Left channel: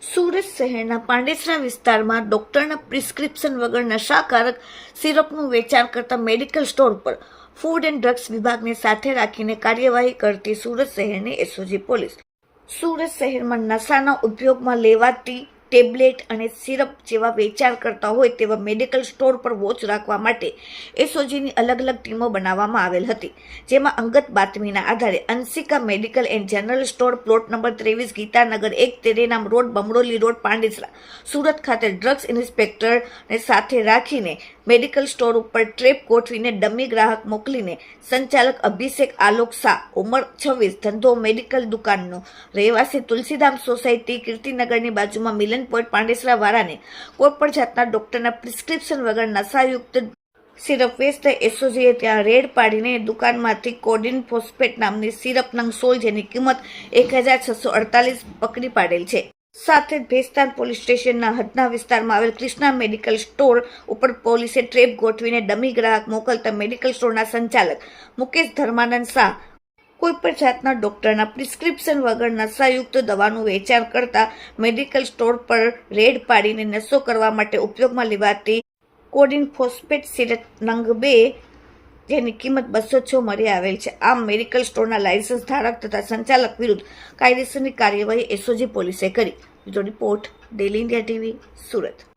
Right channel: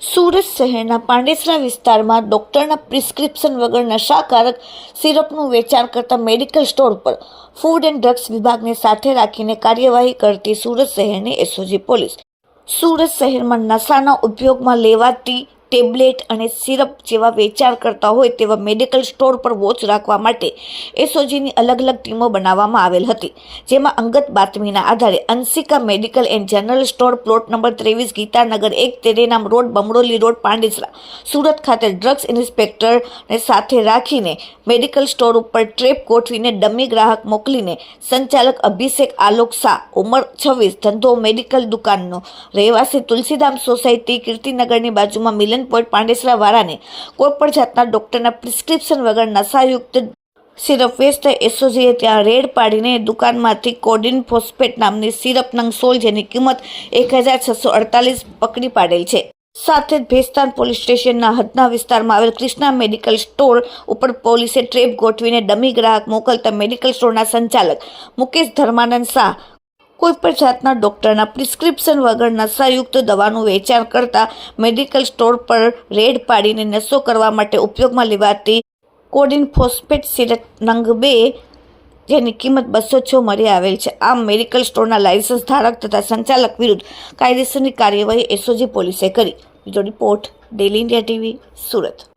સુરત શહેરના પાંડેસરા વિસ્તારમાં ડોક્ટરના પ્રિસ્ક્રિપ્શન વગર નશાકારક સિરપનું વેચાણ કરતા મેડિકલ સ્ટોર પર ફૂડ એન્ડ ડ્રગ્સ વિભાગને સાથે રાખીને કાર્યવાહી કરતી સુરત શહેરની એસઓજી પોલીસ સુરત શહેરમાં નશાના ઉપયોગમાં લેવાતી ટેબ્લેટ અને સિરપ જેવા વેચાણ કરતા હોય તેવા મેડિકલ સ્ટોર પર વોચ રાખવા માટે એસઓજીની અલગ અલગ ટીમો બનાવવામાં આવેલ હતી, જેમાં અંગત બાતમીના આધારે Anshika medical and general store plot number 23 Gitanagar 1 તેરેનામ રોડ બમરોલી રોડ પાંડેસરા સુરત ખાતે ડ્રગ્સ ઇન્સ્પેક્ટરને સાથે રાખીને મેડિકલ સ્ટોર ઉપર ટ્રેપ ગોઠવીને ડમી ગ્રાહક મોકલીને સંચાલક અભિષેક આલોક શાહ ઉંમર 26 ધંધો મેડિકલ દુકાનનો રહેવાસી તુલસીધામ સોસાયટી કીર્તિનગરની બાજુમાં મિલન પોઈન્ટ પાંડેસરા વાળાને કોઈપણ જાતના ડોક્ટરના પ્રિસ્ક્રિપ્શન વગર નશાયુક્ત સિરપ વેચતા એસઓજીએ ત્યાં રેડ પાડીને દુકાનમાંથી કોડિન ફોસ્ફેટ નામની સિરપ નંગ 16 જેની કિંમત 1648 પકડી પાડેલ છે. સાથે જ ભેસ્તાન પોલીસ સ્ટેશનના હદના વિસ્તારમાં આવેલ કૃષ્ણા મેડિકલ સ્ટોર ઉપર પોલીસે ટ્રેપ ગોઠવીને ડમી ગ્રાહક મોકલતા મેડિકલ સ્ટોરના સંચાલક મુકેશ ધર્માનંદ શાહ કોઈપણ જાતના ડોક્ટરના પ્રિસ્ક્રિપ્શન વગર નશાયુક્ત દવાનું વેચાણ કરતા મેડિકલ સ્ટોર પર રેડ પાડીને નશો કરવા માટે ઉપયોગમાં લેવાતી કોડિન ફોસ્ફેટ સિરપ નંગ 2 જેની કિંમત 206 મળી આવેલ છે. આમ મેડિકલ સ્ટોરના લાયસન્સ ધારક તથા સંચાલક વિરુદ્ધ કાયદેસરની કાર્યવાહી એસઓજી પોલીસે કરી. Report daily India TV Surat.